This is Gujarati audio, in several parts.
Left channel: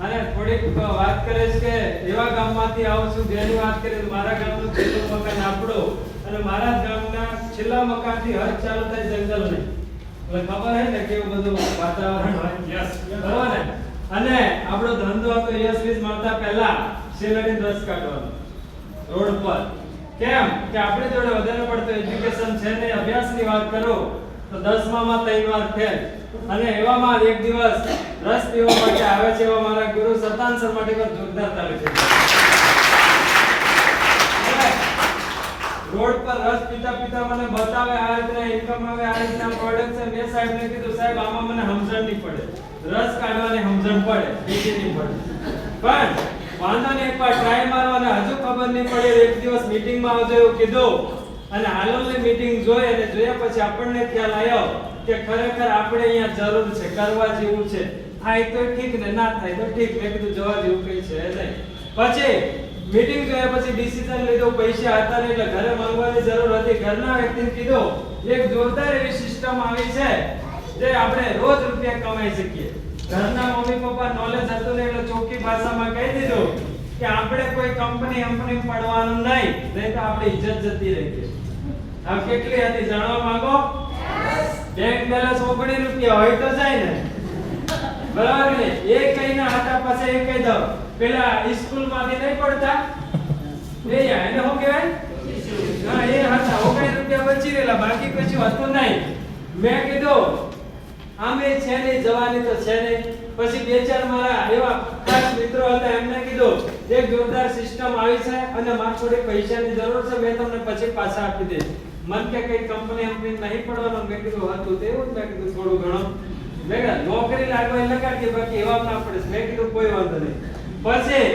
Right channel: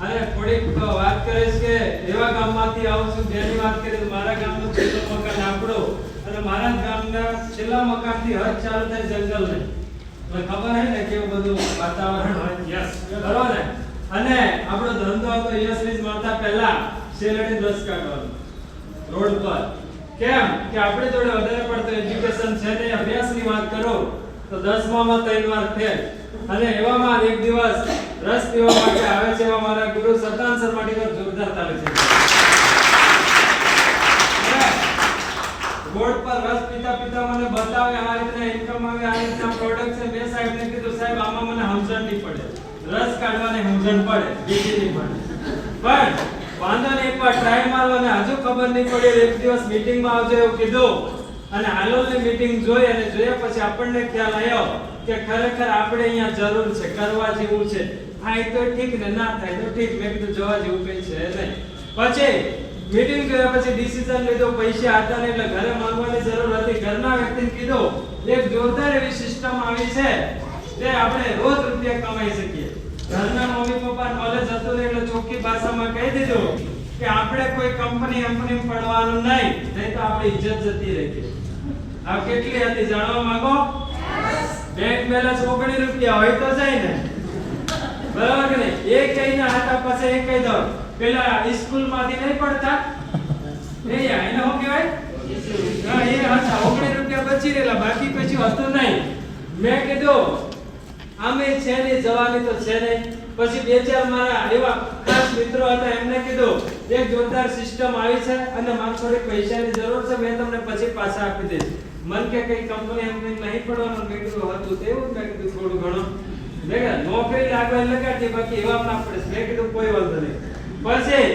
અને થોડીક વાત કરીશ કે એવા ગામમાંથી આવું છું જેની વાત કરીશ મારા ગામનું છેલ્લું મકાન આપણું અને મારા ગામના છેલ્લા મકાનથી હદ ચાલુ થાય જંગલ નહીં. એટલે ખબર હે ને કેવું બધું વાતાવરણ હોય. યસ બરોબર ને. અને આપણો ધંધો હતો યશવીજ મળતા પહેલા શેરડી રસ કાઢવાનો રોડ પર. કેમ કે આપણી જોડે વધારે પડતો એજ્યુકેશન છે ને અભ્યાસની વાત કરો તો 10માં 3 વાર ફેલ. અને એવામાં એક દિવસ રસ પીવા માટે આવે છે એવા મારા ગુરુ સતાન સર માટે પર જોરદાર તાળી છે. રોડ પર રસ પીતા પીતા મને બતાવે આ રીતના ઇન્કમ આવે આ રીતના પ્રોડક્ટ છે. મેં સાહેબને કીધું સાહેબ આમાં મને સમજણ નહીં પડે. રસ કાઢવાની સમજણ પડે બીજી નહીં પડે. પણ વાંધો નહીં એકવાર ટ્રાય મારો અને હજુ ખબર નહીં પડે એક દિવસ મીટિંગમાં આવજો એવું કીધું. અને હાલોલની મીટિંગ જોઈ અને જોયા પછી આપણને ખ્યાલ આવ્યો કે ખરેખર આપણે અહીંયા જરૂર છે કરવા જેવું છે. થાય તો ઠીક ને ના થાય તો ઠીક. મેં કીધું જવા જેવું કઈ છે નહીં. પછી મીટિંગ કર્યા પછી ડિસિઝન લીધો. પૈસા હતા ને એટલે ઘરે માંગવાની જરૂર હતી. ઘરના વ્યક્તિને કીધું એક જોરદાર એવી સિસ્ટમ આવી છે જે આપણે રોજ રૂપિયા કમાઈ શકીએ. ઘરના મમ્મી પપ્પા નોલેજ હતું ને એટલે ચોખ્ખી ભાષામાં કહી દીધું કે આપણે કોઈ કંપની પડવાનું નહીં નહીં તો આપણી ઇજ્જત જતી રહેશે. આ કેટલી હતી જાણવા માંગો? બેંક બેલેન્સ 19 રૂપિયા હોય તો જાય ને બરાબર ને. એક કઈના હતા પછી એક કહી દઉં પેલા સ્કૂલ માંથી નહીં પડતા એ એને શું કહેવાય? હા એ હતા 19 રૂપિયા બચી રહેલા બાકી કશું હતું નહીં. મેં કીધું આમે છે ને જવાની તો છે ને. પછી બે ચાર મારા એવા ખાસ મિત્રો હતા એમને કીધું એક જોરદાર સિસ્ટમ આવી છે અને મારે થોડી પૈસાની જરૂર છે મેં તમને પછી પાછા આપી દઈશ. મન કે કઈ કંપની નહીં પડવાનું. મેં કીધું હતું તેવું જ. મેં કીધું થોડું ઘણું મેં નોકરી લાગવા લગાડી બાકી એવા ના પડે. મેં કીધું કોઈ વાંધો નહીં. પછી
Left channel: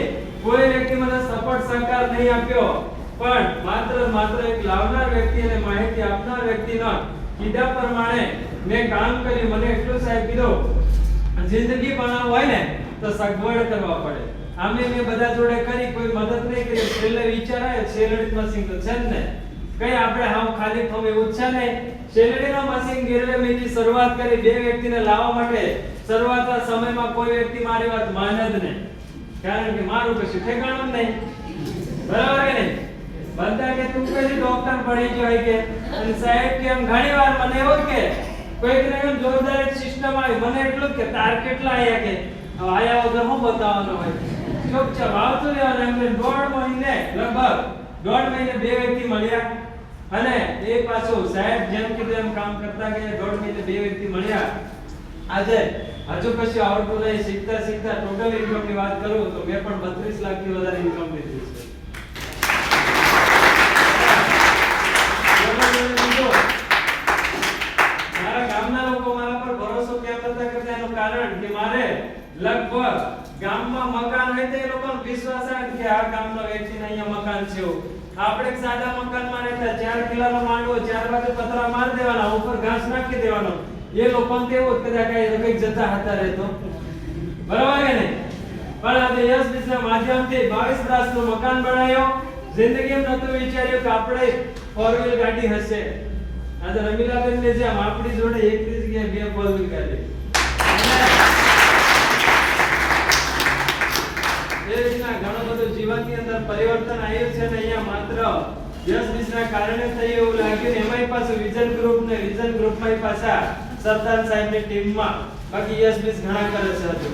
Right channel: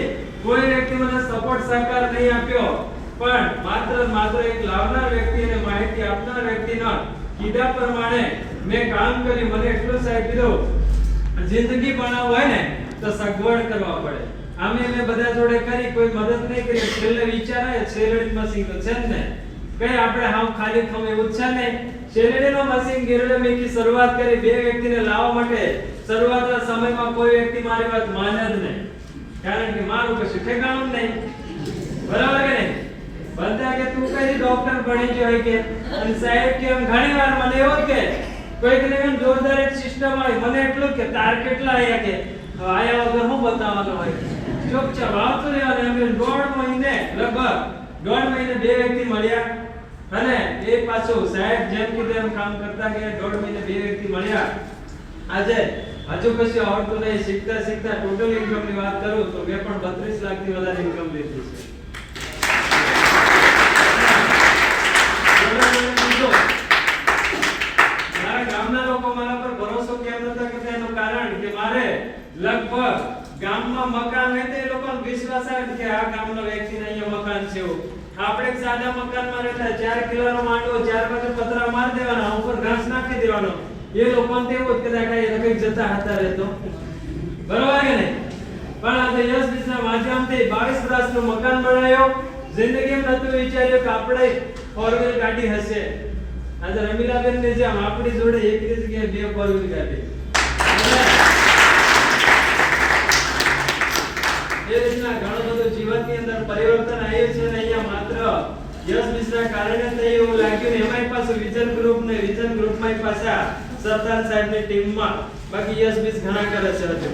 કોઈ વ્યક્તિ મને સપોર્ટ સહકાર નહીં આપ્યો પણ માત્ર એક લાવનાર વ્યક્તિ અને માહિતી આપનાર વ્યક્તિના કીધા પ્રમાણે મેં કામ કર્યું. મને એટલું સાહેબ કીધું જિંદગી બનાવવી હોય ને તો સગવડ કરવા પડે. આમે મેં બધા જોડે કરી કોઈ મદદ નહીં કરી. છેલ્લે વિચાર આવ્યો શેરડીમાં સિંગલ છે ને કઈ આપણે હાવ ખાલી ખમ એવું છે નહીં. શેરડીનો મશીન ગીરવે મેકી શરૂઆત કરી બે વ્યક્તિને લાવવા માટે. શરૂઆતના સમયમાં કોઈ વ્યક્તિ મારી વાત માને જ નહીં કારણ કે મારું કશું ઠેકાણું નહીં. બરાબર કે નહીં? બધા કે તું કઈ ડોક્ટર ભણી ગયો હોય કે અને સાહેબ કે એમ ઘણીવાર મને એવું કે કોઈકને એમ જોરદાર એક સિસ્ટમ આવી મને એટલું કે તાર કેટલા આયા કે હવે આયા વગર હું બતાવવાનો હોય ચૂપચાપ આવતું રહેવાનું. એમ લગભગ દોઢ મહિને બે વ્યક્તિ મળ્યા અને એ પાછું સાહેબ જેમ કીધું એમ કામ કરતા ગયા. દોઢ મહિને બે વ્યક્તિ મળ્યા. આજે હજુ કશું આવડતું નહીં. શીખતા શીખતા ટોટલ ઇન્કમની વાત કરું તો મેં પણ 32 લાખથી વધારે ઇન્કમ લીધી છે. મારા ગામના લોકો મારા પર ભરોસો કેમ નતા કરતા એનું કારણ કે મારે લગભગ ગામમાં મકાન હોય તો એ લોકોનો વિશ્વાસ આવે કે આ ગામનો વ્યક્તિને અહીંયા મકાન છે. આપણે એક સાદા મકાનમાં રહેતા 4 કિલોનો માંડવો 4 બાજુ પતરા માર દેવાના ઉપર ઘાસ નાખી દેવાનો. એ લોકોને તેવું જ કદાચ કઈ જતા હતા રહેતો બરાબર કે નહીં. પણ આજે યશબીજના માધ્યમથી 22 વર્ષનું મકાન બનાવ્યો. જિંદગીમાં નતું વિચાર્યું કે આપણે 4 વ્હીલ ગાડી હશે. આજે રમીલાબેન ને જેમ આપણી જોડે એક જગ્યાએ 2 4 વ્હીલ ગાડી. એ રીતના ઘણું બધું જીવનની અંદર પરિવર્તન આવ્યું છે ને અહીંયા માત્ર યશબીજના કારણે થઈ એવું લાગ્યું ને એમાંય પાછું વિઝન ગ્રુપમાં પાછા સરદાર સાહેબની ટીમમાં. બાકી યશબીજ ઘણા કરે છે હજુ.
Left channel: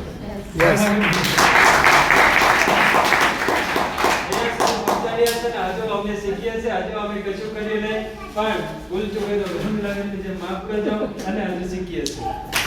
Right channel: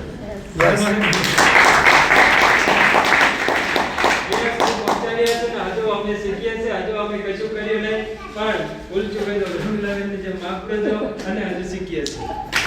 હજુ અમને શીખીએ છીએ હજુ અમે કશું કર્યું નહીં પણ ભૂલ ચૂક હોય તો માફ કરજો અને હજુ શીખીએ છીએ.